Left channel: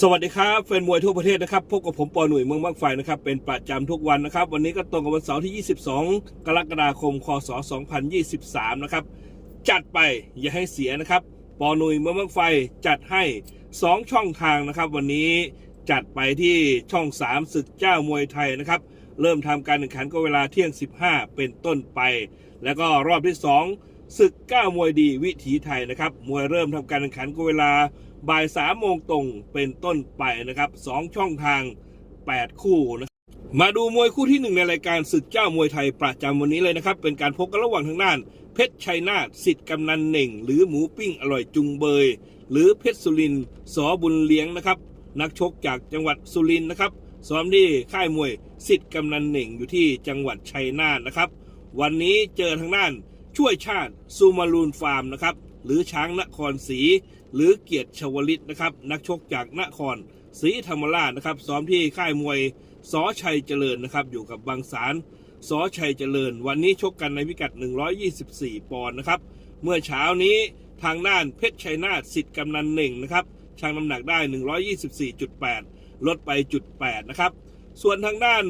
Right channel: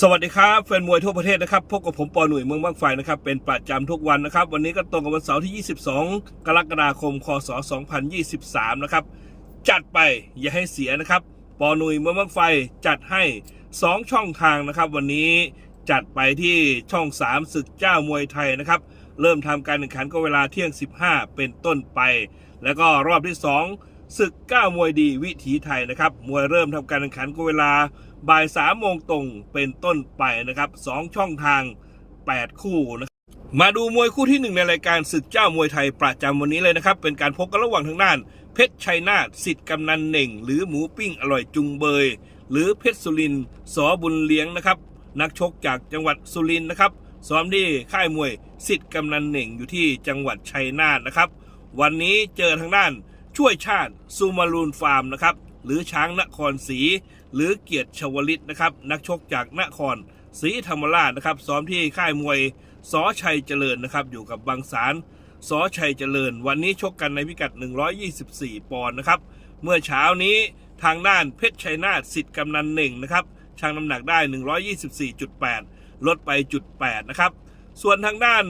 สวัสดีครับแฟนมวยทั่วประเทศนะครับพบกับผมปอหนุ่ยเมืองบางไฟนะครับเป็นประจำทุกวันนะครับ วันนี้ก็ตรงกับวันเสาร์ที่ 22 กรกฎาคม คศ 2023 นะครับ จัดไปอย่าให้เสียนะครับ ปอหนุ่ยเมืองบางไฟจัดให้ 2 ช่องทางนะครับ วันนี้จัดไปที่ช่อง 3 ศึกเจ้ามวยไทยนะครับ เริ่มทำการแข่งขันก็เวลาเที่ยง 15 เป็นต้นไป แล้วก็รอบที่ 2 ศึกเก้ามวยดีวิถีไทยนะครับมวยเริ่มทำการแข่งขันก็เวลา บ่ายสามโมงตรงเป็นต้นไปนะครับสองช่องทาง 8 คู่นะมาดูมวยคู่ที่หนึ่งในรายการศึกเจ้ามวยไทยประจำวันนี้เลยนะครับ เป็นการพบกันระหว่างทางด้าน เพชรชัยนาทสิทธิ์กำนันเหน่ง หรือหมูปิ้งอร่อยจุงเบย หรือเพชรสุรินสอบุญเลี้ยงนะครับ นักชกจากจังหวัดสุรินนะครับซ้อมที่ค่ายมวยสิทธิ์กำนันเหน่งอยู่ที่จังหวัดชัยนาทนะครับ วันนี้เจอทางด้านช่วยชาติซูมารูนฟาร์มนะครับ หรือช้างนครศรีหรือเกียรติชวลิตนะครับนักชกจากนครศรีธรรมราชนะครับซ้อมที่ค่ายมวยสอชัยเจริญนะครับอยู่กับบางสารสอชัยเจริญ วันนี้ชกกันในพิกัด 124 ปอนด์นะครับเมื่อเช้านี้ทางด้านเพชรชัยนาทสิทธิ์กำนันหนึ่งนะครับชั่งน้ำหนักได้ 124.8 ลดไปจุด8นะครับส่วนทางด้าน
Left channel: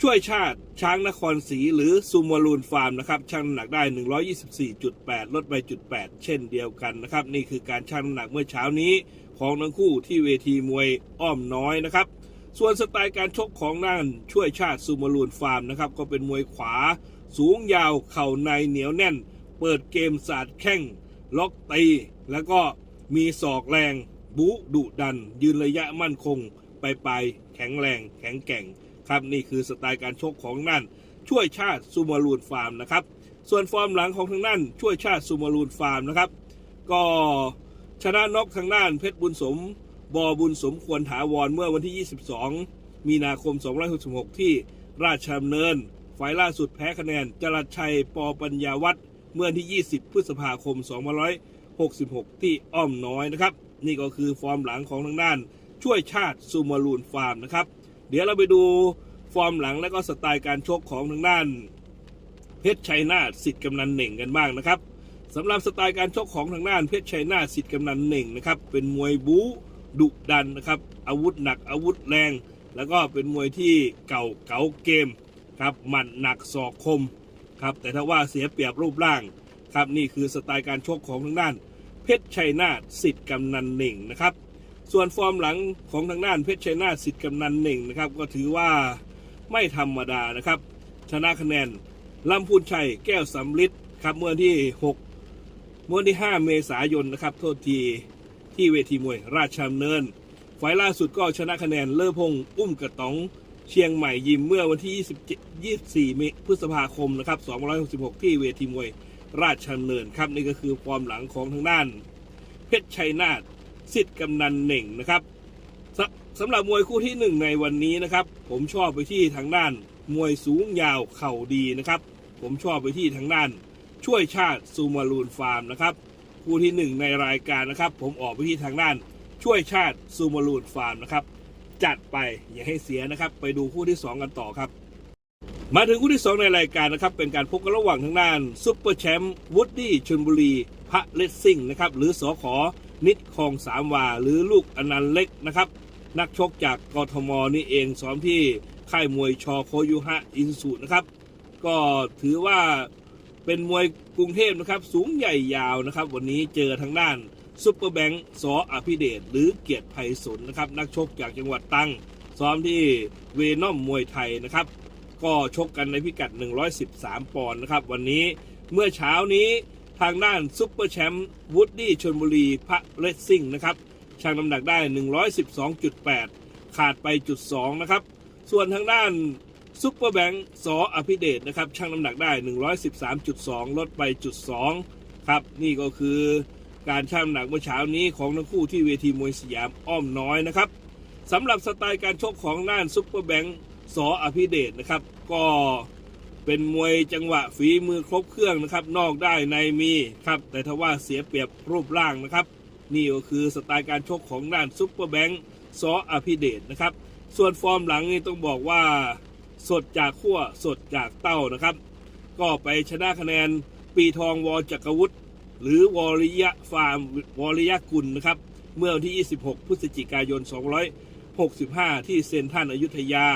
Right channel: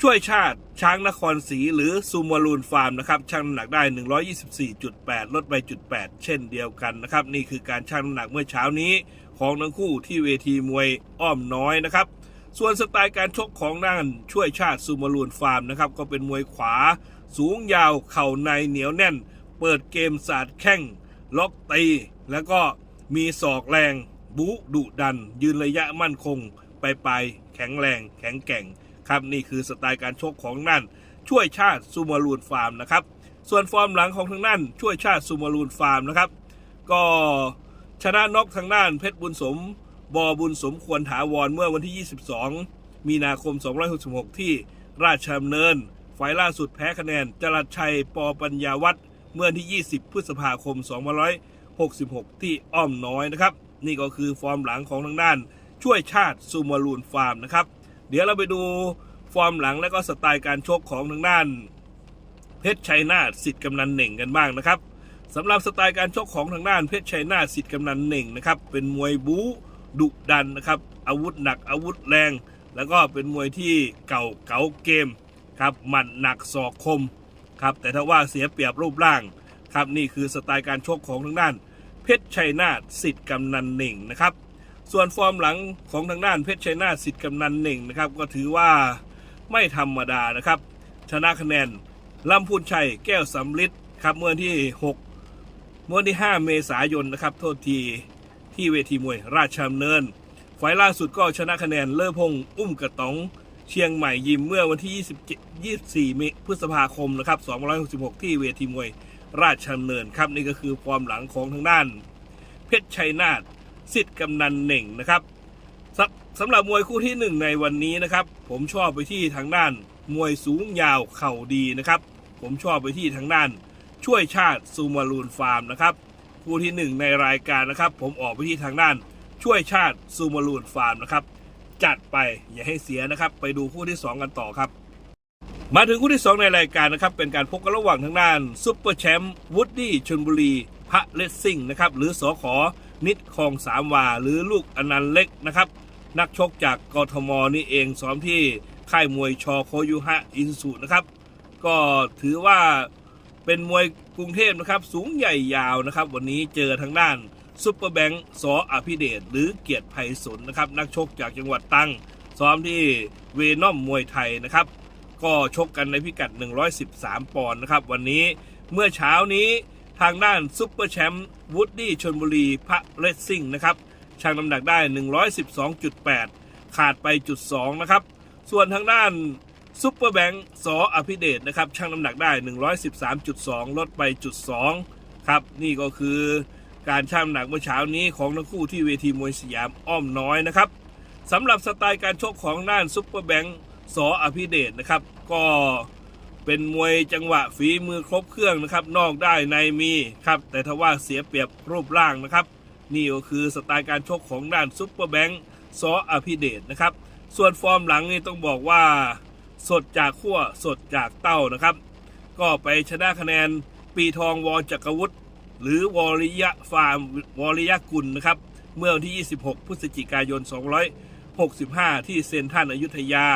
ช่วยชาติช้างนครศรีหรือซูมารูนฟาร์มนะครับชั่งน้ำหนักได้ 124.8 ลดไปจุด8เช่นเดียวกันนะครับ นี่คือการชั่งน้ำหนักเมื่อเช้านี้ของทั้งคู่ที่เวทีมวยอ้อมน้อยนะครับ ส่วนสไตล์การชกของนั่นช่วยชาติซูมารูนฟาร์มนะครับก็เป็นมวยขวา สูงยาวเข่าในเหนียวแน่น เปิดเกมสาดแข้งล็อกตี แล้วก็มีศอกแรง บุดุดัน ยืนระยะมั่นคง ไปไปแข็งแรง แข็งแกร่ง ครับนี่คือสไตล์การชกของนั่น ช่วยชาติซูมารูนฟาร์มนะครับ ส่วนฟอร์มหลังของทางนั่นช่วยชาติซูมารูนฟาร์มนะครับ ก็ชนะน็อกทางด้านเพชรบุญสมบอบุญสมควรถาวรเมื่อวันที่ 22 มีนาคม 266 ที่ราชดำเนินไฟล์ล่าสุดแพ้คะแนนจรัสชัยปอปัญญาวัฒน์เมื่อวันที่ 20 พฤษภาคม 2566 ที่อ้อมน้อยนะครับ นี่ก็คือฟอร์มหลังของทางด้านช่วยชาติซูมารูนฟาร์มนะครับ เดี๋ยวเราไปดู ฟอร์มหลังและก็สไตล์การชกของทางด้าน เพชรชัยนาทสิทธิ์กำนันเหน่งกันบ้างนะครับสำหรับสไตล์การชกของทางด้านเพชรชัยนาทสิทธิ์กำนันเหน่งนะครับเป็นมวยบู๊ดุดันนะครับอาวุธหนักอาวุธแรง แล้วก็เป็นมวยที่เก่าเก๋าเกมครับหมัดหนักศอกคมครับแต่ถ้าว่าเสียเปรียบรูปร่างครับนี่คือสไตล์การชกของทางด้าน เพชรชัยนาทสิทธิ์กำนันเหน่งนะครับส่วนฟอร์มหลังของทางด้านเพชรชัยนาทสิทธิ์กำนันเหน่งนะครับก็ถือว่า ไม่ธรรมดานะครับ ชนะคะแนนลำพูนชัยแก้วสำลิดครับเมื่อวันที่ 6 เมื่อวันที่ 5 เมษายนนะครับ โทษทีที่เวทีมวยราชดำเนินไฟล์ล่าสุดก็ชนะคะแนนเลอพงอุ้มกระต๋องเชียงใหม่ยิมเมื่อวันที่ 27 24เมพฤษภาคมนะครับ 266 ที่เวทีมวยราชดำเนินครับนี่ก็คือฟอร์มหลังของทางด้าน เพชรชัยนาทสิทธิ์กำนันเหน่งนะครับ สสำหรับมวยคู่ที่หนึ่งในวันนี้นะครับ ผมชอบไปที่ทางด้าน มวยสูงยาวเข่าดีนะครับ ผมชอบไปที่ทางด้าน ช่วยชาติซูมารูนฟาร์มนะครับคู่ที่หนึ่งในรายการนะครับ ผมออกไปที่ทางด้าน ช่วยชาติซูมารูนฟาร์มนะครับ จัดไปอย่าให้เสียนะครับ ไปดูคู่ที่สองกันต่อครับ มาถึงคู่ที่ 2 ในรายการนะครับ เป็นการพบกันระหว่างทางด้านซุปเปอร์แชมป์วูดดี้ชนบุรีพระเลสซิ่งนะครับหรือสอขอ นิดคลองสามวา หรือลูกอนันต์เล็กนะครับ นักชกจากกทมนี่เองซ้อมที่ค่ายมวยชอโคยุฮะอินสุนะครับ ก็ถือว่าเป็นมวยกรุงเทพนะครับ สูงใหญ่ยาวนะครับ วันนี้เจอทางด้านซุปเปอร์แบงค์สออภิเดชหรือเกียรติไพศาลนะครับ นักชกจากจังหวัดตังซ้อมที่เวนอมมวยไทยนะครับ ก็ชกกันในพิกัด 113 ปอนด์นะครับ วันนี้เมื่อเช้านี้ ทางด้านซุปเปอร์แชมป์วูดดี้ชนบุรีพระเลสซิ่งนะครับชั่งน้ำหนักได้ 112.8 ขาดไปจุด2นะครับ ส่วนทางด้านซุปเปอร์แบงค์สออภิเดชนะครับชั่งน้ำหนักได้ 113.2 ลดไปจุด2ครับ นี่ก็คือการชั่งน้ำหนักเมื่อเช้านี้ของทั้งคู่ที่เวทีมวยสยามอ้อมน้อยนะครับสำหรับสไตล์การชกของด้านซุปเปอร์แบงค์สออภิเดชนะครับ ก็ เป็นมวยจังหวะฝีมือครบเครื่องนะครับ นอกได้ในมีครับ แต่ถ้าว่าเสียเปรียบรูปร่างนะครับ นี่ก็คือสไตล์การชกของด้านซุปเปอร์แบงค์สออภิเดชนะครับ ส่วนฟอร์มหลังนี่ต้องบอกว่า สดจากขั้วสดจากเต้านะครับ ก็ไปชนะคะแนนปีทองวอจักรวุฒิหรือวอริยะฟาร์มวอริยะกุลนะครับ เมื่อวันที่ 26 พฤศจิกายน 265 ที่เซนทรันอยุธยา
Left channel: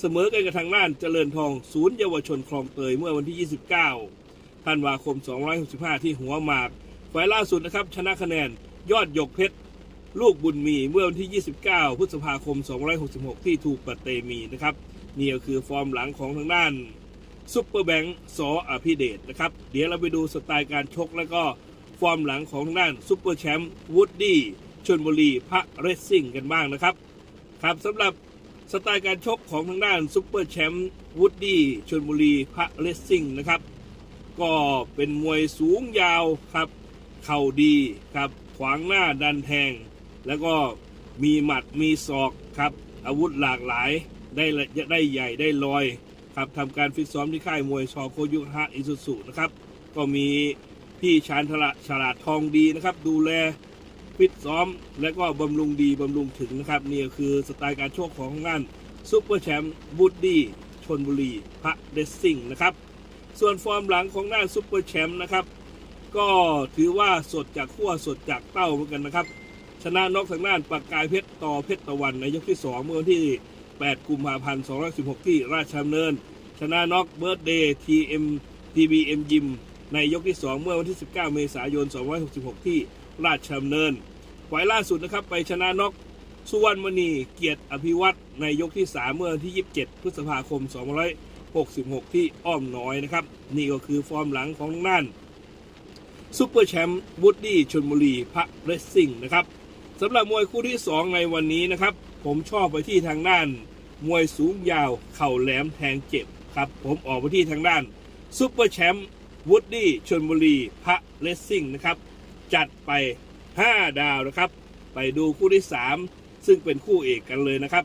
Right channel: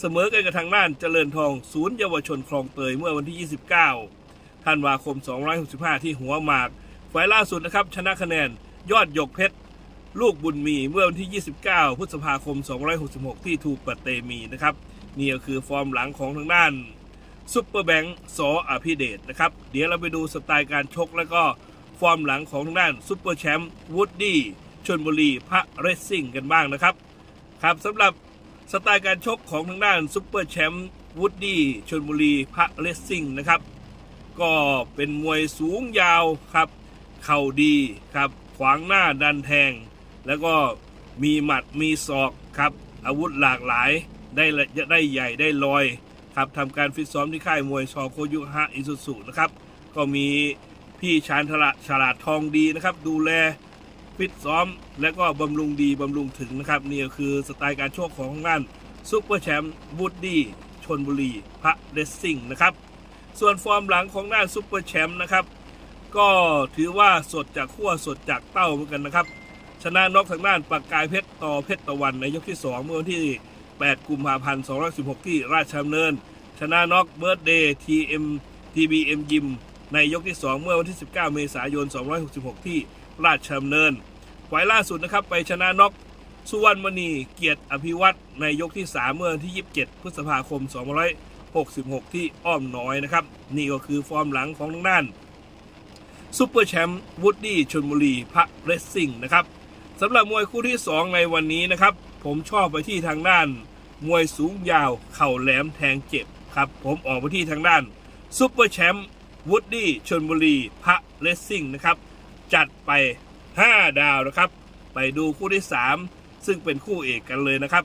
เสมอกันกับทางด้านเจริญทอง ศูนย์เยาวชนคลองเตยเมื่อวันที่ 29 ธันวาคม 265 ที่หัวหมากฝ่ายล่าสุดนะครับชนะคะแนนยอดหยกเพชร ลูกบุญมีเมื่อวันที่ 29 พฤษภาคม 266 ที่ถูกปะเตมีนะครับนี่ก็คือฟอร์มหลังของทางด้านซุปเปอร์แบงค์สออภิเดชนะครับ เดี๋ยวเราไปดูสไตล์การชกแล้วก็ฟอร์มหลังของทางด้านซุปเปอร์แชมป์วูดดี้ชนบุรีพระเรซซิ่งกันบ้างนะครับ ครับสำหรับ สไตล์การชกของทางด้านซุปเปอร์แชมป์วูดดี้ชนบุรีพระเรซซิ่งนะครับ ก็เป็นมวยสูงยาวครับ เข่าดีครับ ขวางหน้าดันแทง แล้วก็มีหมัดมีศอกครับ อาวุธหลากหลายได้ละได้ใหญ่ได้ลอยครับทำการฟิตซ้อมที่ค่ายมวยชอโคยุฮะอิสุสุนะครับ ก็มีพี่ชานฉลาดฉลาดทองดีนะครับ ดูแล ฟิตซ้อม และก็บำรุงดีบำรุงถึงนะครับนี่ก็คือสไตล์การโชคของทางานซุปเปอร์แชมป์บูดดี้ชนบุรีพระเรสซิ่งนะครับ ส่วนฟอร์มหลังของด้านซุปเปอร์แชมป์นะครับ ก็ถือว่าสดจากขั้วสดจากเต้าเหมือนกันนะครับ ชนะน็อกทางด้านปากกายเพชรต่อเพชรตะวันในยกที่ 2 เมื่อวันที่ 8 กุมภาพันธ์ 216 ที่ราชดำเนิน ชนะน็อกเบิร์ดเดย์ทีเอ็มทีบีเอ็มยิมในยกที่ 2 เมื่อวันที่ 19 เมษายน 266 ที่ ราชดำเนินไฟล์ล่าสุดนะครับไปชนะน็อกสุวรรณมณีเกียรติอภิวัตรในยกที่ 3 เมื่อวันที่ 27 พฤษภาคม266 ที่อ้อมน้อยนะครับ นี่ก็คือฟอร์มหลังของทางด้านซูเปอร์แชมป์วูดดี้ชนบุรีพระเรสซิ่งนะครับสำหรับมวยคู่ที่ 2 ในวันนี้นะครับ ผมชอบไปที่ทางด้าน มวยสูงยาว เข่าแหลมแทงเจ็บครับผมออกไปที่ทางด้านซูเปอร์แชมป์วูดดี้ชนบุรีพระเรสซิ่งนะครับ จัดไป 5 ดาวนะครับ ไปดูคู่ที่ 3 ซึ่งเป็นคู่เอกกันเลยนะครับ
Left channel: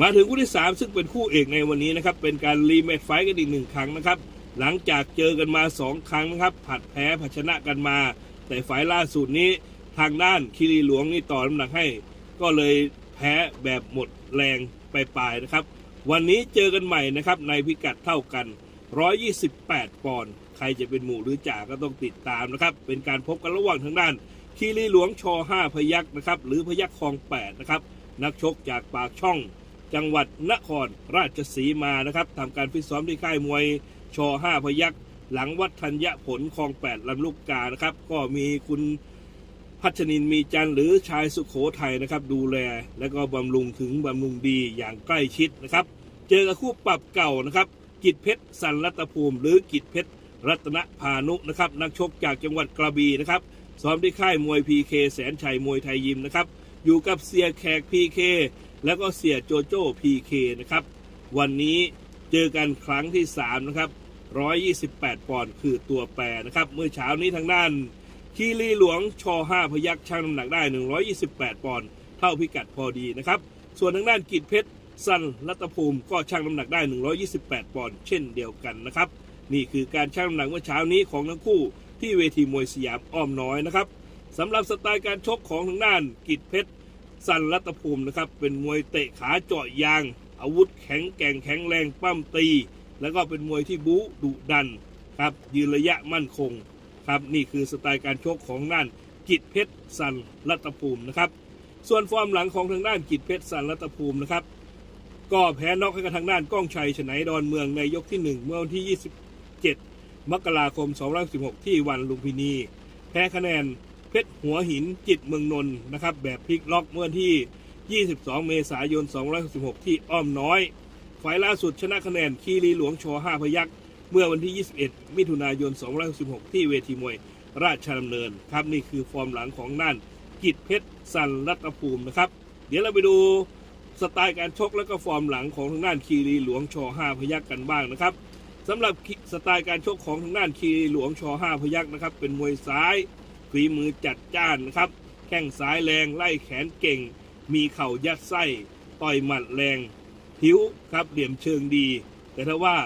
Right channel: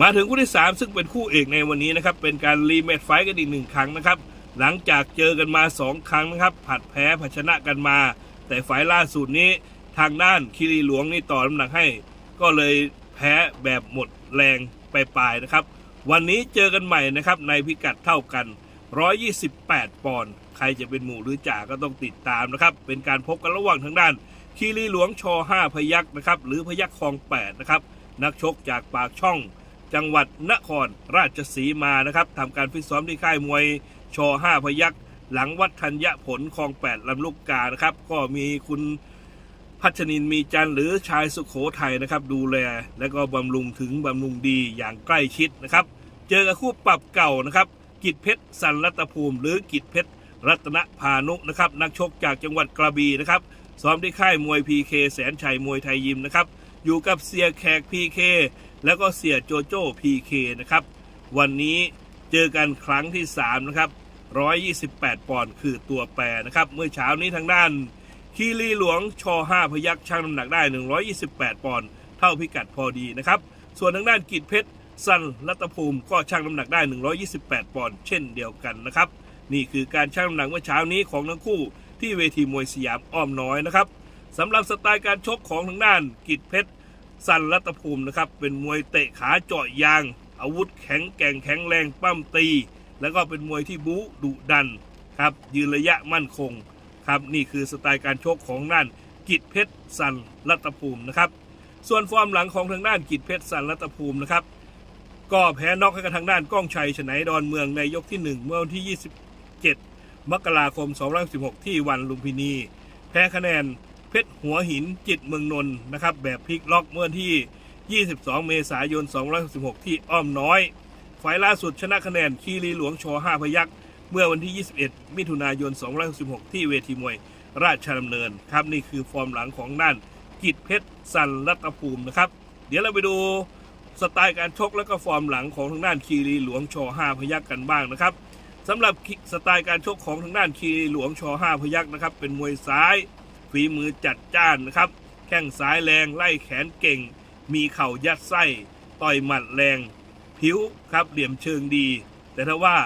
มาถึงคู่ที่ 3 ซึ่งเป็นคู่เอกในวันนี้นะครับ เป็นการรีแมตช์ไฟกันอีกหนึ่งครั้งนะครับ หลังจากเจอกันมา 2 ครั้งนะครับ ผัดแพ้ผัดชนะกันมา แต่ไฟล์ล่าสุดนี้ทางด้านคิรีหลวงนี่ต่อน้ำหนักให้ ก็เลยแพ้แบบหมดแรงไปปลายนะครับ วันนี้เจอกันใหม่นะครับในพิกัดเท่ากัน 128 ปอนด์ ใครจะเป็นหมู่หรือจ่าก็ต้องติดตามนะครับ เป็นการพบกันระหว่างทางด้านคีรีหลวงช5พยักนะครับ หรือพยักคลอง8นะครับ นักชกจากปากช่อง จังหวัดนครราชสีมานะครับทำการฟิตซ้อมที่ค่ายมวยช5พยักหลังวัดธัญญผลคลอง 8ลำลูกกานะครับ ก็มีคุณพัชนินมีจันหรือชายสุขโขทัยนะครับ ดูแลและก็บำรุงถึงบำรุงดีอย่างใกล้ชิดนะครับ เจอกับคู่ปรับเก่านะครับ กิจเพชรสันรัตภูมิ หรือกิจเพชร รัตนพานุนะครับนักชกจากจังหวัดกระบี่นะครับซ้อมที่ค่ายมวยพีเคแสนชัยมวยไทยยิมนะครับอยู่กับเสียแขกพีเคแล้วก็เสียโจโจ้พีเคนะครับวันนี้เจอกันครั้งที่3นะครับ128 ปอนด์คือตัวแปรนะครับเมื่อเช้านี้ทางด้านคีรีหลวงช5พยักชั่งน้ำหนักได้ 128 ปอนด์เท่าพิกัดพอดีนะครับส่วนทางด้านกิจเพชรสันรัตภูมิก็ชั่งน้ำหนักได้ 128 ปอนด์เช่นเดียวกันนะครับ นี่คือการชั่งน้ำหนักเมื่อเช้านี้ของทั้งคู่ที่เวทีมวยสยามอ้อมน้อยนะครับสำหรับสไตล์การชกของทางด้านกิจเพชรสันรัตภูมินะครับเป็นมวยเตะขาเจาะยาง อาวุธแข็งแกร่งแข็งแรงปั้มตี แล้วก็เป็นมวยที่บู๊ดุดันครับยืนระยะมั่นคงครับนี่คือสไตล์การชกของด้านกิจเพชรสันรัตภูมินะครับส่วนฟอร์มหลังของทางด้านกิจเพชรสันรัตภูมินะครับก็แพ้น็อกให้กับทางด้านก้องชัยฉไนดอนเมืองในยกที่ 1 เมื่อวันที่ 7 มกราคม 216 ที่วันลุมพินี แพ้คะแนนเพชรหัวหินจิตเมืองนนท์นะครับ แบบพลิกล็อกเมื่อวันที่ 22 เมษายน 216 ที่อ้อมน้อย ฝ่ายล่าสุดชนะคะแนนคีรีหลวงชอ5พยักเมื่อวันที่ 21 มิถุนายน 266 ที่เวทีมวยราชดำเนินครับนี่คือฟอร์มหลังของด้านกิจเพชรสันรัตภูมินะครับ เดี๋ยวเราไปดูสไตล์การชกและก็ฟอร์มหลังของทางด้านคีรีหลวงชอ5พยักกันบ้างนะครับ สำหรับสไตล์การชกของทางด้านคีหลวงชอ5พยักนะครับ เป็นมวยซ้ายฝีมือจัดจ้านนะครับ แข้งซ้ายแรงไล่แขนเก่ง มีเข่ายัดไส้ ต่อยหมัดแรง ผิวครับเหลี่ยมเชิงดี แต่ถ้าว่า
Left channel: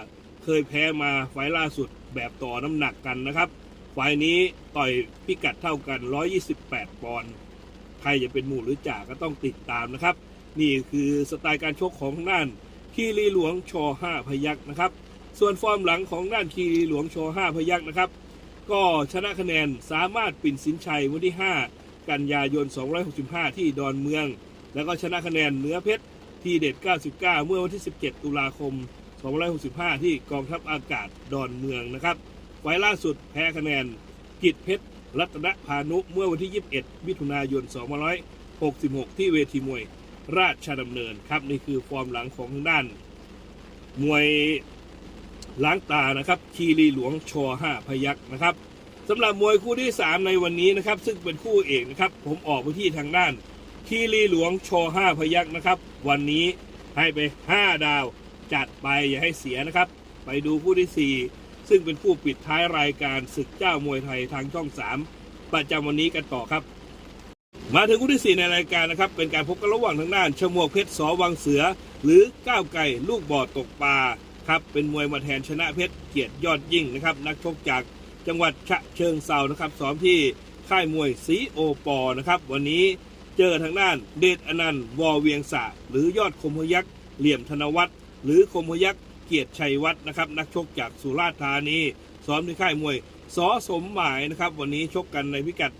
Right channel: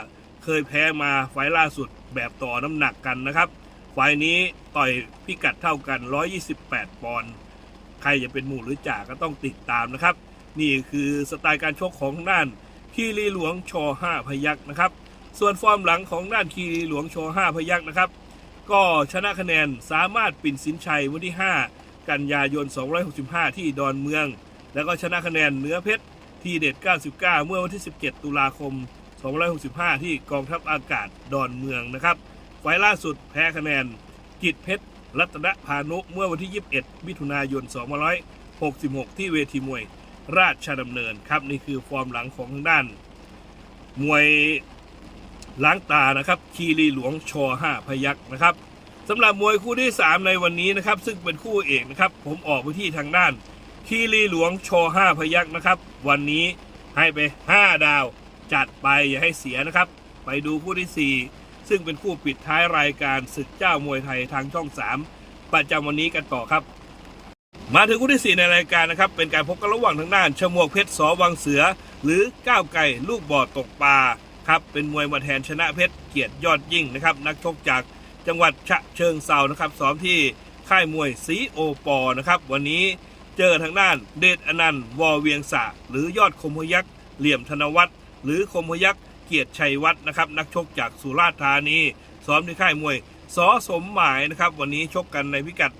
เคยแพ้มาไฟล่าสุดแบบต่อน้ำหนักกันนะครับไฟนี้ต่อยพิกัดเท่ากัน 128 ปอนด์ใครจะเป็นหมู่หรือจ่าก็ต้องติดตามนะครับ นี่คือสไตล์การชกของทางด้านคีรีหลวงชอ5พยักนะครับ ส่วนฟอร์มหลังของด้านคีรีหลวงช5พยักนะครับ ก็ชนะคะแนนสามารถปิ่นสินชัยวันที่ 5 กันยายน 265 ที่ดอนเมือง แล้วก็ชนะคะแนนเหนือเพชรทีเด็ด 99 เมื่อวันที่ 17 ตุลาคม 265 ที่กองทัพอากาศดอนเมืองนะครับไฟล์ล่าสุดแพ้คะแนนกิจเพชรรัตนพานุเมื่อวันที่ 21 มิถุนายน 2566 ที่เวทีมวยราชดำเนินครับ นี่คือฟอร์มหลังของทางด้าน มวย ล้างตานะครับคีรีหลวงชอ5พยักนะครับสำหรับมวยคู่ที่ 3 ในวันนี้นะครับ ซึ่งเป็นคู่เอกนะครับ ผมออกไปที่ทางด้านคีรีหลวงชอ5พยักนะครับ วันนี้ให้ไป 5 ดาวจัดไปอย่าให้เสียนะครับ ไปดูคู่ที่ 4 ซึ่งเป็นคู่ปิดท้ายรายการศึกเจ้ามวยไทยทางช่อง 3 ประจำวันนี้กันต่อครับ มาถึงคู่ที่ 4 ในรายการนะครับ เป็นการพบกันระหว่างทางด้านชมวกเพชรสอวังเสือ หรือก้าวไก่ลูกบ่อตกปลา ครับเป็นมวยมาแทนชนะเพชรเกียรติยอดยิ่งนะครับนักชกจากจังหวัดฉะเชิงเซานะครับซ้อมที่ค่ายมวยสีโอปอนะครับวันนี้เจอทางด้านเดชอนันต์วอเวียงสะหรือยอดคมพยักษ์เหลี่ยมธนวัฒน์หรือคมพยักษ์เกียรติชัยวัฒน์นะครับนักชกจากสุราษฎร์ธานีซ้อมที่ค่ายมวยสอสมหมายนะครับวันนี้ชกกันในพิกัด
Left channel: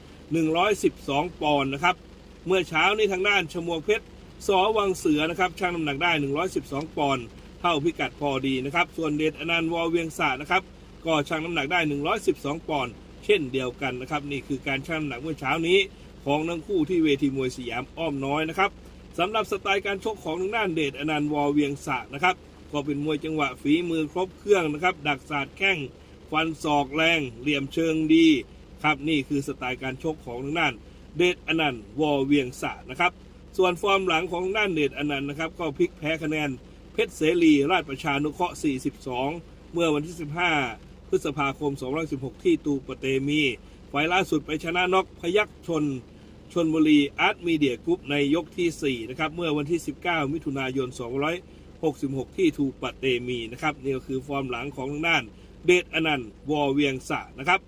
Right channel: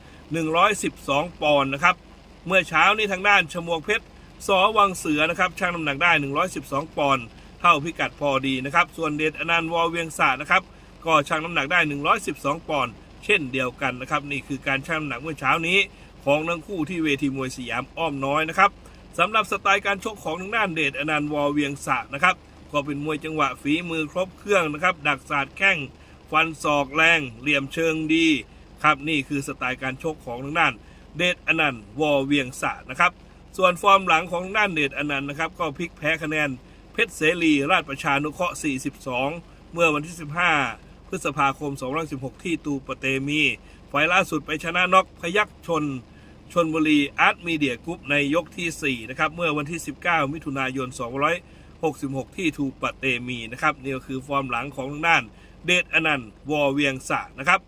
112 ปอนด์นะครับเมื่อเช้านี้ทางด้านชมวกเพชรสอวังเสือนะครับช่างน้ำหนักได้ 112 ปอนด์ เท่าพิกัดพอดีนะครับ ส่วนเดชอนันต์วอเวียงสะนะครับ ก็ช่างน้ำหนักได้ 112 ปอนด์เช่นเดียวกันนะครับ นี่คือการช่างน้ำหนักเมื่อเช้านี้ ของทั้งคู่ที่เวทีมวยสยามอ้อมน้อยนะครับสำหรับสไตล์การชกของทางด้านเดชอนันต์วอเวียงสะนะครับ ก็เป็นมวยจังหวะฝีมือครบเครื่องนะครับ ดักศาสตร์แข้งฟันศอกแรง เหลี่ยมเชิงดีครับนี่คือสไตล์การชกของทางด้านเดชอนันต์วอเวียงสะนะครับ ส่วนฟอร์มหลังของทางด้านเดชอนันต์นะครับ ก็พลิกแพ้คะแนน ชรเสรีราชประชานุเคราะห์ 42 เมื่อวันที่ 15 พฤษภาคม 2016 ที่ตูปเตมี ไฟล์ล่าสุดไปชนะน็อกพยักชน ชนบุรีอาร์ตมีเดียกรุ๊ปในยกที่ 4 นะครับ เมื่อวันที่ 19 มิถุนายน 266 ที่ทูปเตมีนะครับ นี่ก็คือฟอร์มหลังของทางด้านเดชอนันต์วอเวียงสะนะครับ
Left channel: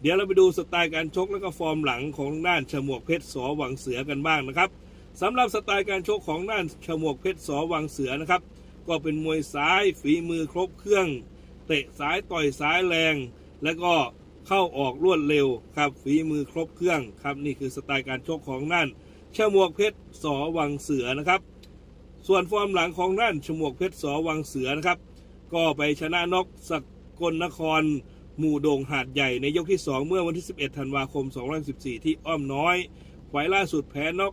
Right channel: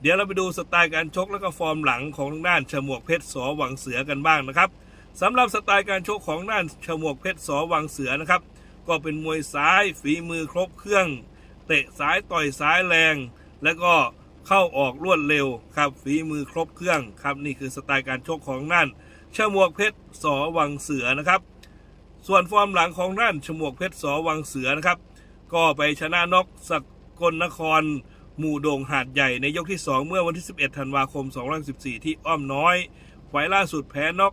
เดี๋ยวเราไปดูสไตล์การชกแล้วก็ฟอร์มหลังของทางด้านฉมวกเพชรสอวังเสือกันบ้างนะครับสำหรับสไตล์การชกของด้านฉมวกเพชรสอวังเสือนะครับ ก็เป็นมวยซ้ายฝีมือครบเครื่อง เตะซ้ายต่อยซ้ายแรง แล้วก็เข้าออกรวดเร็วครับฝีมือครบเครื่องครับนี่คือสไตล์การชกของด้านฉมวกเพชรสอวังเสือนะครับ ส่วนฟอร์มหลังของด้านฉมวกเพชรสอวังเสือนะครับ ก็ไปชนะนกสกลนคร หมู่โด่งหาดใหญ่ในยกที่ 2 เมื่อวันที่ 11 ธันวาคม 2014 ที่อ้อมน้อยไฟล์ล่าสุดแพ้นก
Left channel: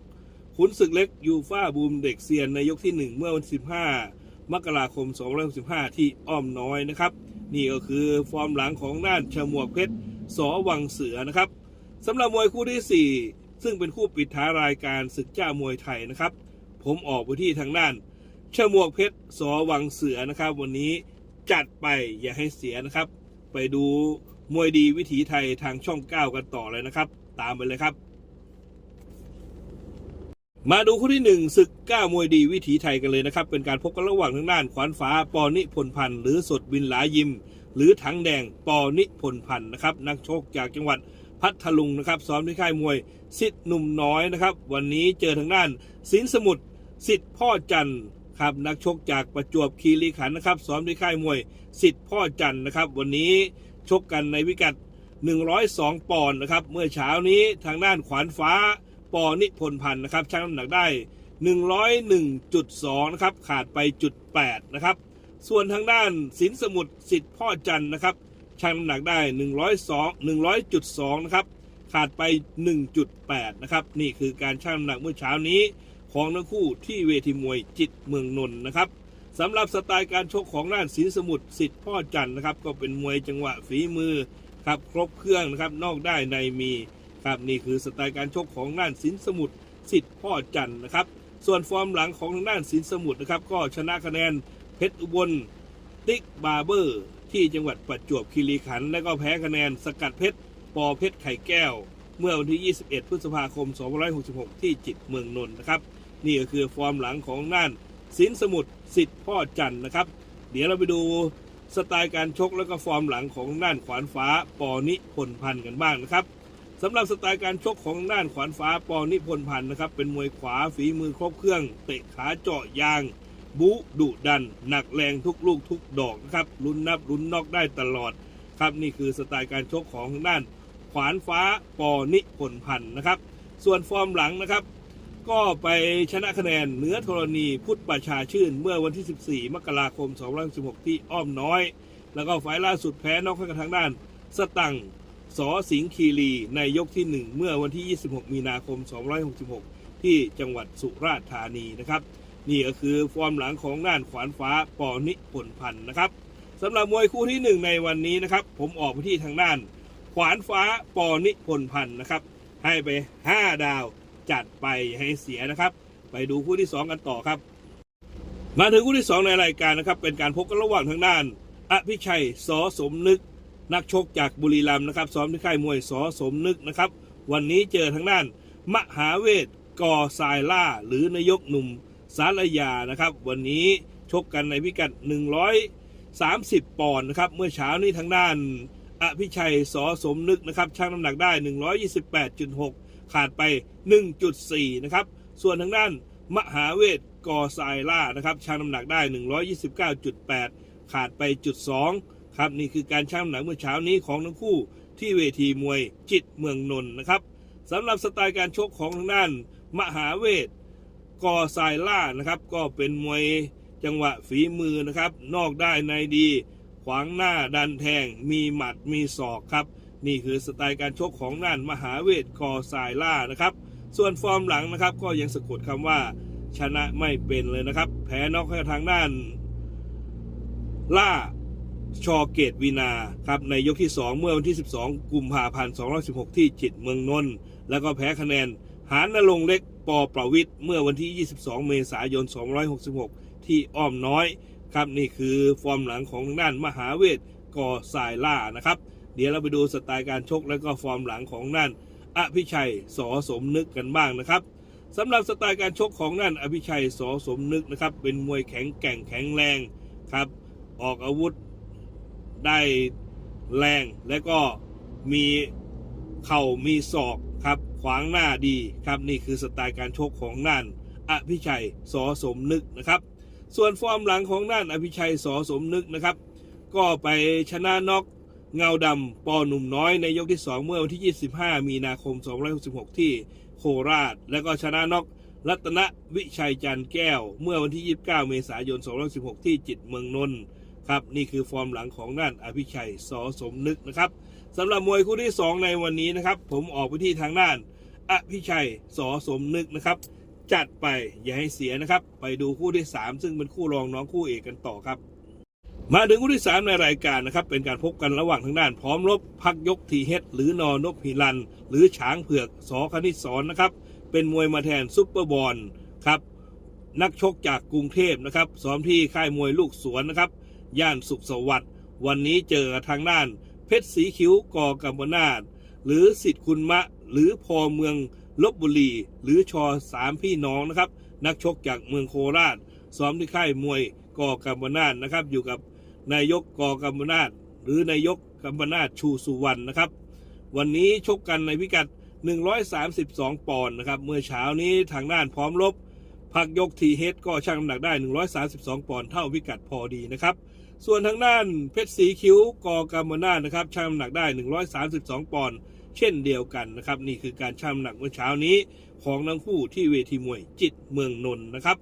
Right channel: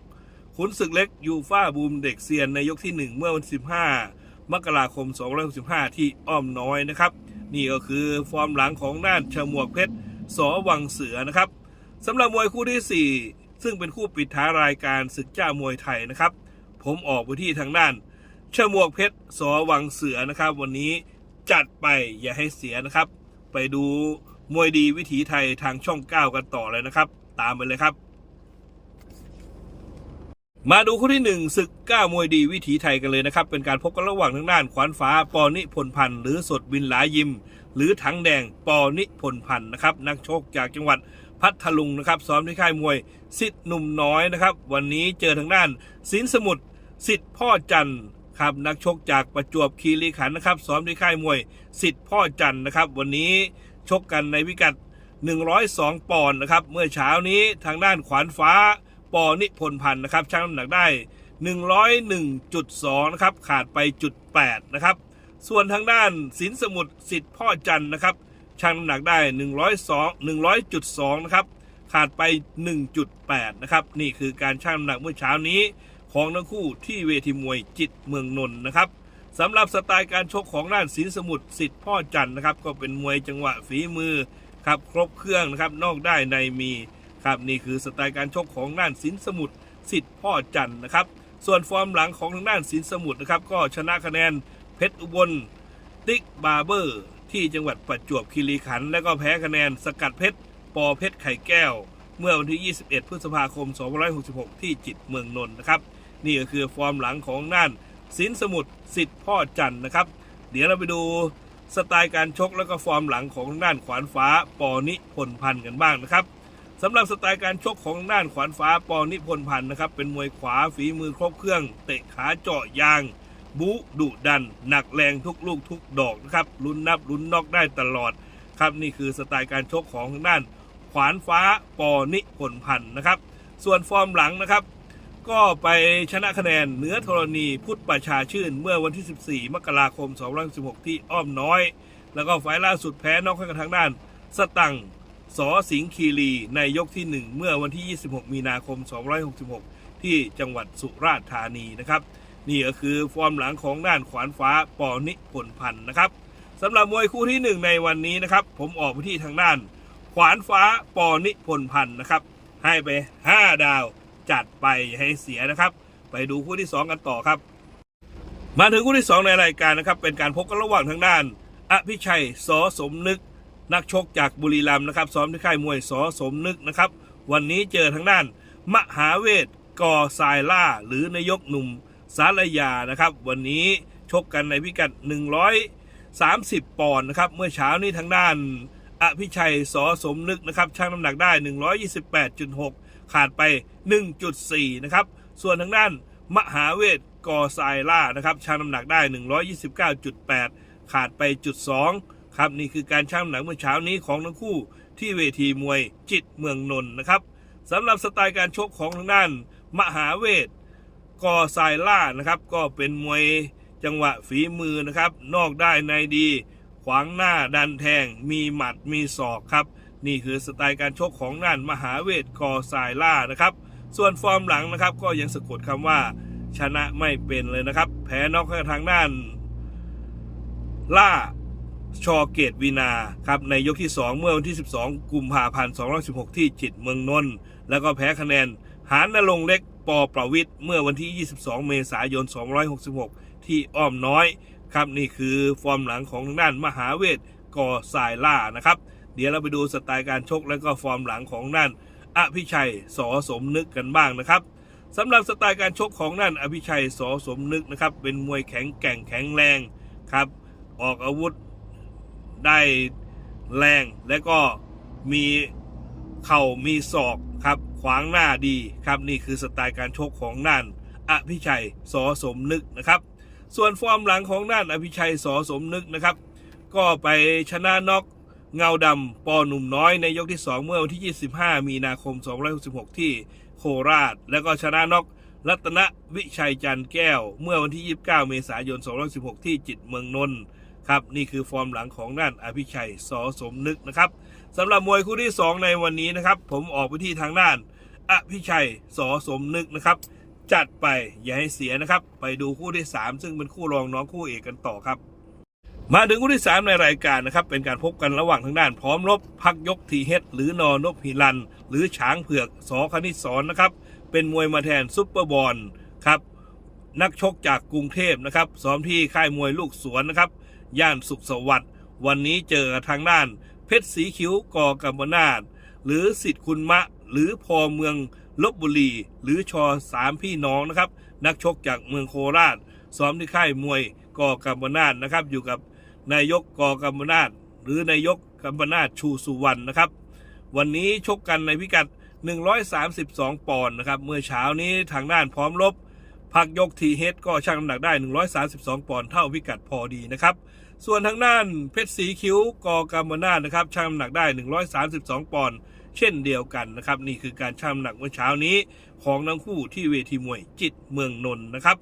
ขุนศึกเล็กยูฟ่าบูมเด็กเซียนในยกที่ 1 เมื่อวันที่15 มกราคม2015ที่อ้อมน้อยนะครับ นี่ก็คือฟอร์มหลังของด้านฉมวกเพชรสอวังเสือนะครับสำหรับมวยคู่ที่ 4 ซึ่งเป็นคู่ปิดท้ายรายการศึกเจ้ามวยไทยนะครับ ผมออกไปที่ทางด้านฉมวกเพชรสอวังเสือนะครับ วันนี้จัดไปอย่าให้เสียนะครับ ไปดูมวยดีวิถีไทยทางช่อง 9 กันต่อเลยนะครับ ตามไปเลยครับ มาดูคู่ที่หนึ่งศึกก้ามวยดีวิถีไทยกันเลยนะครับ เป็นการพบกันระหว่างทางด้านขวานฟ้า ปอนิพนพันธ์หรือสดวินหลายิม หรือถังแดงปอนิพนพันธ์นะครับนักชกจากจังหวัดพัทลุงนะครับซ้อมที่ค่ายมวยสิทธิ์หนุ่มน้อยนะครับ วันนี้เจอทางด้านสินสมุทรสิทธิ์พ่อจันทร์ครับนักชกจากประจวบคีรีขันธ์นะครับซ้อมที่ค่ายมวยสิทธิ์พ่อจันทร์นะครับ วันนี้ชกกันในพิกัด 102 ปอนด์นะครับเมื่อเช้านี้ทางด้านขวานฟ้า ปอนิพนธ์พันธ์นะครับชั่งน้ำหนักได้ 101.2นะครับขาดไปจุด8นะครับส่วนทางด้านสินสมุทรสิทธิ์พ่อจันทร์นะครับชั่งน้ำหนักได้ 102 100.2นะครับขาดไป 1.8 นะครับ นี่คือการชั่งน้ำหนักเมื่อเช้านี้ ของทั้งคู่ที่เวทีมวยจิตเมืองนนท์นะครับสำหรับสไตล์การชกของด้านสินสมุทรสิทธิ์พ่อจันทร์นะครับ ก็เป็นมวยจังหวะฝีมือครับครบเครื่องนะครับ นอกได้ในมี ครับนี่คือสไตล์การชกของด้านสินสมุทรสิทธิ์พ่อจันทร์นะครับ ส่วนฟอร์มหลังของทางด้านสินสมุทรนะครับก็ชนะคะแนนเพชรอุบล ติ๊กบาเบอร์ ที่จังหวัดประจวบคีรีขันธ์แล้วก็แพ้คะแนนสกัดเพชรปอเพชรไข่แก้ว เมื่อวันที่ 21 พฤษภาคม 2566 ที่จิตเมืองนนท์นะครับ นี่ก็คือฟอร์มหลังของด้านสินสมุทรสิทธิ์พ่อจันทร์นะครับ เดี๋ยวเราไปดูสไตล์การชกแล้วก็ฟอร์มหลังของด้านขวานฟ้าปอนิพนพันธ์กันบ้างนะครับ สำหรับสไตล์การชกของด้านขวานฟ้าปอนิพนธ์พันธ์นะครับ เป็นมวยขวาฝีมือครบเครื่อง เตะขาเจาะยาง บุดุดัน หนักแรงทุกลูกทุกดอกนะครับลุ้นนับลุ้นนอกได้ตลอดครับนี่คือสไตล์การชกของด้านขวานฟ้าปอนิพนธ์พันธ์นะครับ ส่วนฟอร์มหลังนะครับ ก็ไปชนะคะแนนเหนือธรณีพุทธประชาชื่น เมื่อวันที่ 14 มกราคม 2516 ที่อ้อมน้อย แล้วก็ไฟล์ล่าสุดแพ้นอกให้กับทางด้านสตัง สอสิงคีรีในยกที่ 1 เมื่อวันที่ 26 มีนาคม2566 ที่จังหวัดสุราษฎร์ธานีนะครับนี่ก็คือฟอร์มหลังของด้านขวานฟ้าปอนิพนธ์พันธ์นะครับสำหรับมวยคู่ที่ 1 ในวันนี้นะครับ ผมออกไปที่ทางด้าน ขวานฟ้าปอนิพนธ์พันธ์นะครับ ให้ไป 5 ดาวจัดไปให้เสียนะครับ ไปดูคู่ที่ 2 กันต่อครับ มาถึงคู่ที่ 2 ในรายการนะครับ เป็นการพบกันระหว่างทางด้านอภิชัยสอสมนึก นักชกจากบุรีรัมย์นะครับ ซ้อมที่ค่ายมวยสอสมนึกนะครับ วันนี้เจอทางด้าน มหาเวทกอทรายล่า หรือนายกหนุ่มสารยานะครับ วันนี้ชกกันในพิกัด 130 ปอนด์นะครับ เมื่อเช้านี้ทางด้านอภิชัยสอสมนึกนะครับชั่งน้ำหนักได้ 128.6 ขาดไป 1.4 นะครับ ส่วนทางด้านมหาเวทกอทรายล่านะครับชั่งน้ำหนักได้ 129.8 ขาดไปจุด2 ครับนี่คือการชั่งหนักเมื่อเช้านี้ของทั้งคู่ที่เวทีมวยจิตเมืองนนท์นะครับสำหรับสไตล์การชกของทางด้าน มหาเวทกอทรายล่านะครับก็เป็นมวยจังหวะฝีมือนะครับ นอกได้ในดี ขวางหน้าดันแทง มีหมัดมีศอกครับ นี่คือสไตล์การชกของด้านมหาเวทกอทรายล่านะครับ ส่วนฟอร์มหลังนะครับก็ยังสะกดคำว่า ชนะไม่เป็นเลยนะครับ แพ้นอกให้ทางด้าน ล่า ชอเกตวีนาครับในยกที่ 2 เมื่อวันที่ 12 กุมภาพันธ์216 ที่จิตเมืองนนท์แล้วก็แพ้คะแนน หานนรงเล็กปอประวิทย์เมื่อวันที่ 22 เมษายน 266 ที่อ้อมน้อยครับนี่คือฟอร์มหลังของทางด้านมหาเวทกอสายล่านะครับ เดี๋ยวเราไปดูสไตล์การชกและก็ฟอร์มหลังของด้านอภิชัยสอสมนึกกันบ้างนะครับสำหรับสไตล์การชกของด้านอภิชัยสอสมนึกนะครับเป็นมวยแข็งแกร่งแข็งแรงครับออกอาวุธ ได้แรงและก็มีเข่ามีศอกครับขวางหน้าดีครับนี่คือสไตล์การชกของน่านอภิชัยสอสมนึกนะครับ ส่วนฟอร์มหลังของน่านอภิชัยสอสมนึกนะครับ ก็ไปชนะน็อกเงาดำปอหนุ่มน้อยในยกที่ 2 เมื่อวันที่ 25 มีนาคม 2566 ที่โคราช แล้วก็ชนะน็อกรัตนวิชัยจันแก้ว เมื่อวันที่ 29 เมษายน 2516 ที่จิตเมืองนนท์ ครับนี่คือฟอร์มหลังของน่านอภิชัยสอสมนึกนะครับสำหรับมวยคู่ที่ 2 ในวันนี้นะครับ ผมออกไปที่ทางน่านอภิชัยสอสมนึกนะครับ จัดไปอย่าให้เสียนะครับ ไปดูคู่ที่ 3 ซึ่งเป็นคู่รองน้องคู่เอกกันต่อครับ มาถึงคู่ที่ 3 ในรายการนะครับ เป็นการพบกันระหว่างทางด้านพร้อมรบพักยกทีเฮดหรือนอนพฮิรัน หรือช้างเผือกสอคณิตสอนนะครับ เป็นมวยมาแทนซุปเปอร์บอลครับนักชกจากกรุงเทพนะครับซ้อมที่ค่ายมวยลูกสวนนะครับ ย่านสุขสวัสดิ์วันนี้เจอทางด้าน เพชรสีคิ้วกอกัมนาตหรือสิทธิ์คุณมะ หรือพอเมืองลบบุรีหรือชอสามพี่น้องนะครับ นักชกจากเมืองโคราชซ้อมที่ค่ายมวยกอกัมนาตนะครับ อยู่กับนายกกอกัมนาตหรือนายกกัมนาตชูสุวรรณนะครับ วันนี้ชกกันในพิกัด 132 ปอนด์นะครับ เมื่อเช้านี้ทางด้านพร้อมรบพักยกทีเฮดก็ชั่งน้ำหนักได้ 132 ปอนด์เท่าพิกัดพอดีนะครับ ส่วนทางด้านเพชรสีคิ้วกอกามนาถนะครับชั่งน้ำหนักได้ 132 ปอนด์เช่นเดียวกันนะครับ นี่คือการชั่งน้ำหนักเมื่อเช้านี้ของทั้งคู่ที่เวทีมวยจิตเมืองนนท์นะครับ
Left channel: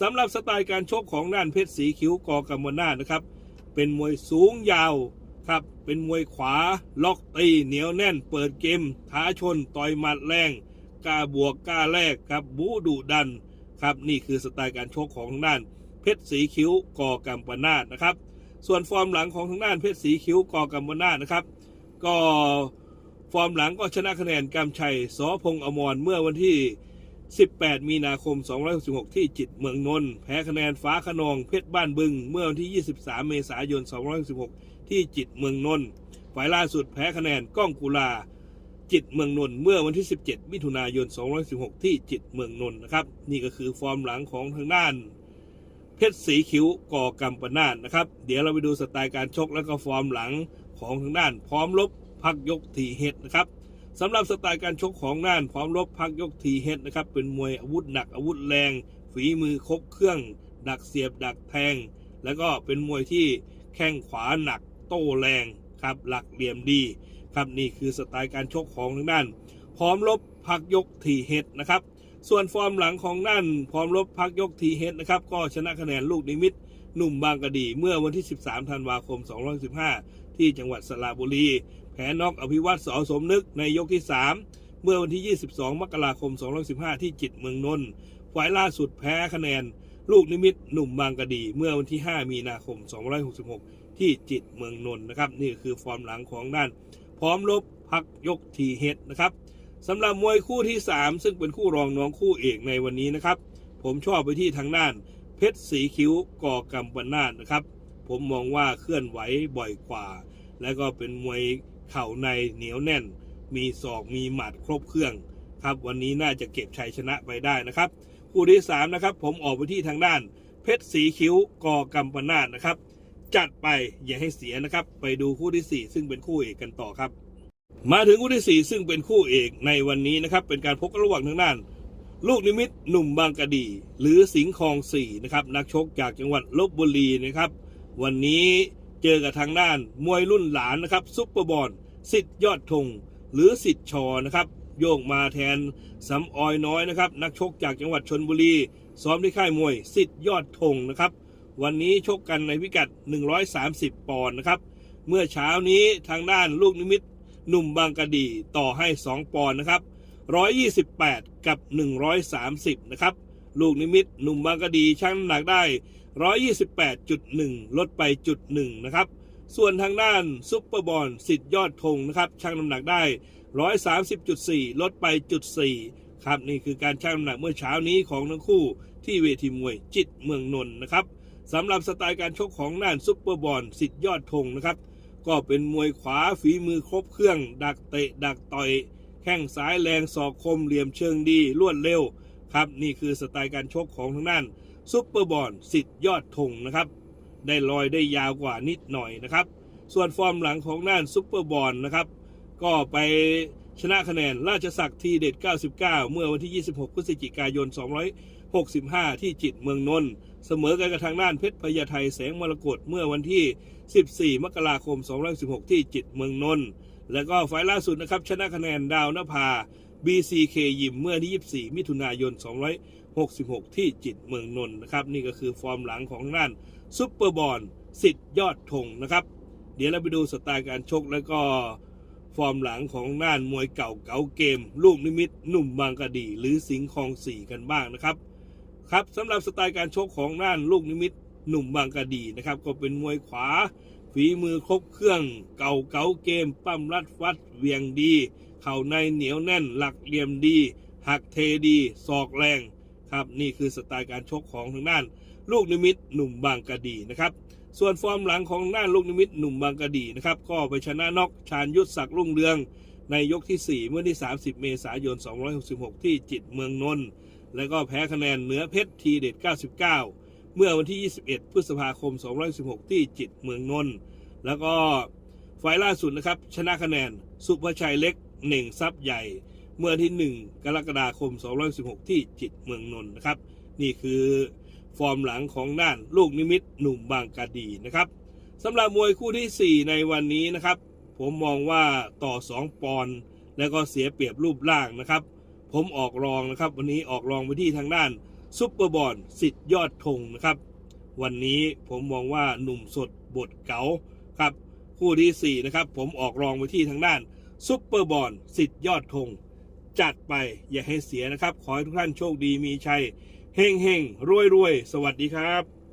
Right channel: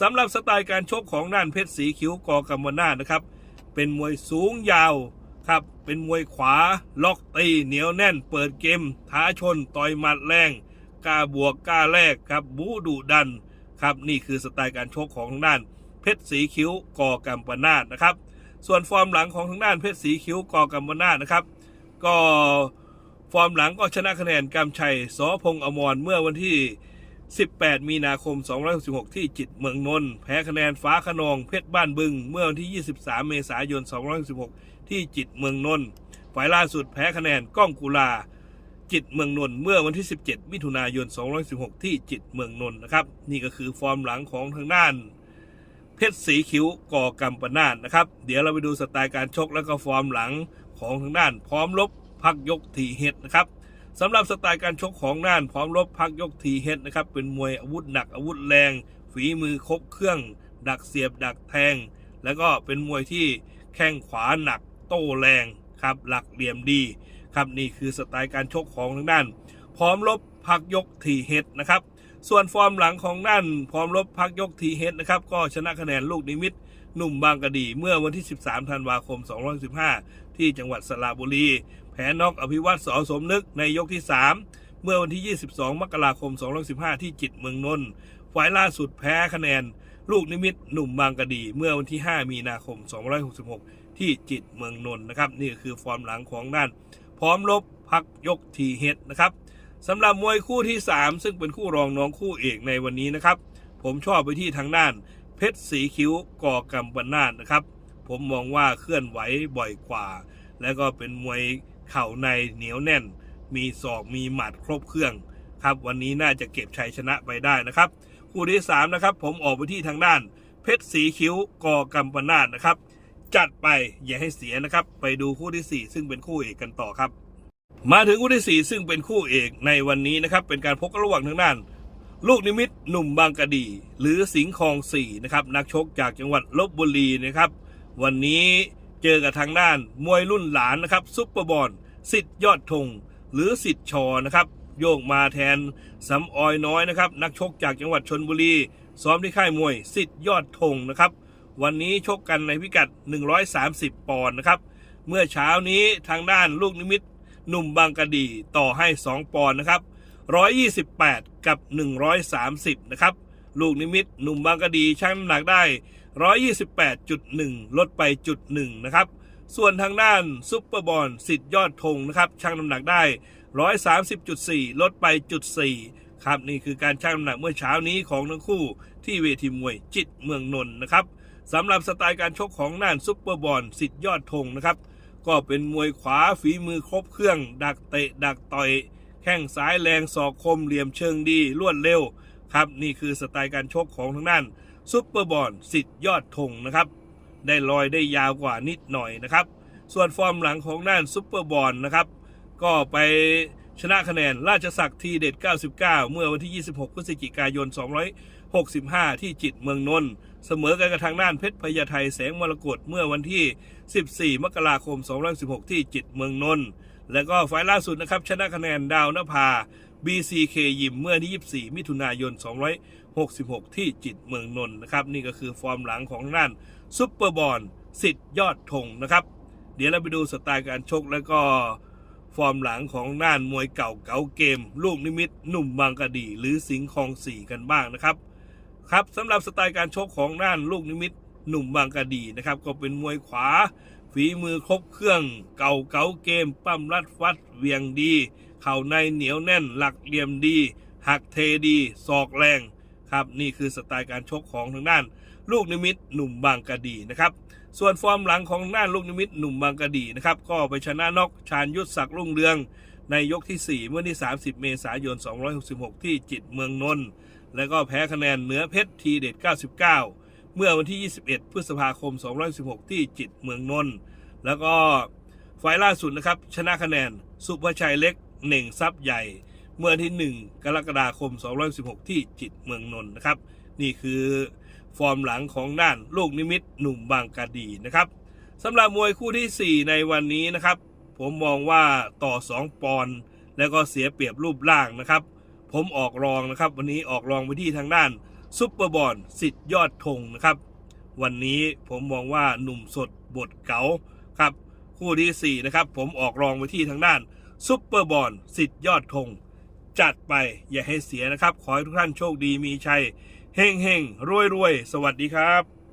สำหรับสไตล์การชกของด้านเพชรสีคิ้วกอกามนาถนะครับ เป็นมวยสูงยาวครับเป็นมวยขวาล็อกตีเหนียวแน่น เปิดเกมท้าชนต่อยหมัดแรงกล้าบวกกล้าแลกครับบูดุดันครับนี่คือสไตล์การชกของทางด้าน เพชรสีคิ้วกอกัมปนาตนะครับ ส่วนฟอร์มหลังของทางด้านเพชรสีคิ้วกอกัมปนาตนะครับ ก็ฟอร์มหลังก็ชนะคะแนนกำชัยสอพงอมรเมื่อวันที่ 18 มีนาคม 266 ที่จิตเมืองนนท์แพ้คะแนนฟ้าขนองเพชรบ้านบึง เมื่อวันที่ 23 เมษายน 266 ที่จิตเมืองนนท์ฝ่ายล่าสุดแพ้คะแนนก้องกุลาจิตเมืองนนท์เมื่อวันที่ 17 มิถุนายน 216 ที่จิตเมืองนนท์นะครับ นี่ก็คือฟอร์มหลังของทางด้าน เพชรสีคิ้วก่อกัมปนาตนะครับ เดี๋ยวเราไปดูสไตล์การชกแล้วก็ฟอร์มหลังของทางด้าน พร้อมรบพักยกทีเฮดนะครับสำหรับสไตล์การชกของด้าน พร้อมรบพักยกทีเฮดนะครับเป็นมวยอาวุธหนักอาวุธแรง ฝีมือครบเครื่อง ดักเสียบดักแทง แล้วก็เป็นมวยที่แข้งขวาหนักโต้แรงครับหลักเหลี่ยมดีครับนี่คือสไตล์การชกของทางด้าน พร้อมลบพักยกทีเฮดนะครับ ส่วนฟอร์มหลังของด้านพร้อมลบพักยกทีเฮดนะครับ ก็ชนะคะแนนลูกนิมิตหนุ่มบางกะดีเมื่อวันที่ 13 ธันวาคม2015 ที่จังหวัดสระบุรี แพ้นอกอภิวัตสอสมนึกในยกที่ 3 เมื่อวันที่ 22 มกราคม2015 ที่จิตเมืองนนท์ฝ่ายล่าสุดแพ้คะแนน ลูกนิมิตหนุ่มบางกะดี เมื่อวันที่ 5 มีนาคม 2566 ที่จิตเมืองนนท์นะครับ นี่คือฟอร์มหลังของด้าน พร้อมลบพักยกทีเฮดนะครับ สำหรับมวยคู่ที่ 3 ซึ่งเป็นคู่รองน้องคู่เอกในวันนี้นะครับ ผมชอบไปที่ทางด้าน เพชรสีคิ้วก่อกำปนาดนะครับ ผมมองว่าเคลื่อนไหวบ่อยกว่า และก็เป็นมวยเข่าในเหนียวแน่น มีศอกมีหมัดครบเครื่องครับวันนี้น่าจะเก็บชัยชนะไปได้นะครับ คู่ที่3นะครับผมออกไปที่ทางด้าน เพชรสีคิ้วกอกำปนาดนะครับ จัดไปอย่าให้เสียนะครับ ไปดูคู่ที่ 4 ซึ่งเป็นคู่เอกกันต่อครับ มาถึงคู่ที่ 4 ซึ่งเป็นคู่เอกในวันนี้นะครับ เป็นการพบกันระหว่างทางด้าน ลูกนิมิตหนุ่มบางกะดี หรือสิงห์คองสี่นะครับนักชกจากจังหวัดลบบุรีนะครับ วันนี้เจอกับทางด้านมวยรุ่นหลานนะครับซุปเปอร์บอลสิทธิ์ยอดธงหรือสิทธิ์ชอนะครับโยกมาแทนสำออยน้อยนะครับ นักชกจากจังหวัดชนบุรี ซ้อมที่ค่ายมวยสิทธิ์ยอดธงนะครับ วันนี้ชกกันในพิกัด 130 ปอนด์นะครับ เมื่อเช้านี้ทางด้านลูกนิมิต หนุ่มบางกะดีต่อให้ 2 ปอนด์นะครับ 128 กับ 130 นะครับ ลูกนิมิตหนุ่มบางกะดีชั่งน้ำหนักได้ 128.1 ลดไปจุดหนึ่งนะครับ ส่วนทางด้านซุปเปอร์บอลสิทธิ์ยอดธงนะครับชั่งน้ำหนักได้ 130.4 ลดไปจุด4ครับนี่คือการชั่งน้ำหนักเมื่อเช้านี้ของทั้งคู่ที่เวทีมวยจิตเมืองนนท์นะครับสำหรับสไตล์การชกของน่านซุปเปอร์บอลสิทธิ์ยอดธงนะครับ ก็เป็นมวยขวาฝีมือครบเครื่อง ดักเตะ ดักต่อย แข้งซ้ายแรงศอกคมเหลี่ยมเชิงดีรวดเร็วครับนี่คือสไตล์การชกของทางด้านซุปเปอร์บอลสิทธิ์ยอดธงนะครับ ได้ลอยได้ยาวกว่านิดหน่อยนะครับ ส่วนฟอร์มหลังของน่านซุปเปอร์บอลนะครับ ก็ไปชนะคะแนนราชศักดิ์ทีเด็ด 99 เมื่อวันที่ 26 พฤศจิกายน 265 ที่จิตเมืองนนท์เสมอกันกับทางด้านเพชรพญาไทแสงมรกตเมื่อวันที่ 14 มกราคม216 ที่จิตเมืองนนท์แล้วก็ไฟล์ล่าสุดนะครับ ชนะคะแนนดาวนภา BCK ยิมเมื่อที่ 24 มิถุนายน 266 ที่จิตเมืองนนท์นะครับ นี่ก็คือฟอร์มหลังของทางด้านซุปเปอร์บอลสิทธิ์ยอดธงนะครับ เดี๋ยวเราไปดูสไตล์การชกแล้วก็ฟอร์มหลังของน่านมวยเก่าเก๋าเกม ลูกนิมิตหนุ่มบางกะดี หรือสิงห์คองสี่กันบ้างนะครับ ครับสำหรับสไตล์การชกของน่านลูกนิมิต หนุ่มบางกะดีนะครับ ก็เป็นมวยขวา ฝีมือครบเครื่อง เก่าเก๋าเกม ปั้มรัดฟัดเวียงดี เข่าในเหนียวแน่น หลักเหลี่ยมดี หักเทดีศอกแรงครับนี่คือสไตล์การชกของทางด้าน ลูกนิมิตหนุ่มบางกะดีนะครับ ส่วนฟอร์มหลังของน่านลูกนิมิตหนุ่มบางกะดีนะครับ ก็ไปชนะนอกชาญยุทธศักดิ์รุ่งเรือง ในยกที่ 4 เมื่อที่ 30 เมษายน 266 ที่จิตเมืองนนท์แล้วก็แพ้คะแนนเหนือเพชรทีเด็ด 99 เมื่อวันที่ 21 พฤษภาคม 216 ที่จิตเมืองนนท์แล้วก็ไฟล์ล่าสุดนะครับ ชนะคะแนน สุภชัยเล็กเหน่งทรัพย์ใหญ่ เมื่อที่ 1 กรกฎาคม 216 ที่จิตเมืองนนท์นะครับ นี่คือฟอร์มหลังของด้านลูกนิมิตหนุ่มบางกะดีนะครับสำหรับมวยคู่ทีสี่4 ในวันนี้นะครับ ผมมองว่าต่อ 2 ปอนด์แล้วก็เสียเปรียบรูปร่างนะครับ ผมออกรองนะครับ วันนี้ออกรองไปที่ทางด้าน ซุปเปอร์บอลสิทธิ์ยอดธงนะครับ วันนี้ผมมองว่าหนุ่มสดบทเก๋าครับ คู่ที่ 4 นะครับ ผมออกรองไปที่ทางด้านซุปเปอร์บอลสิทธิ์ยอดธงจัดไปอย่าให้เสียนะครับ ขอให้ทุกท่านโชคดีมีชัยเฮงเฮงรวยรวยสวัสดีครับ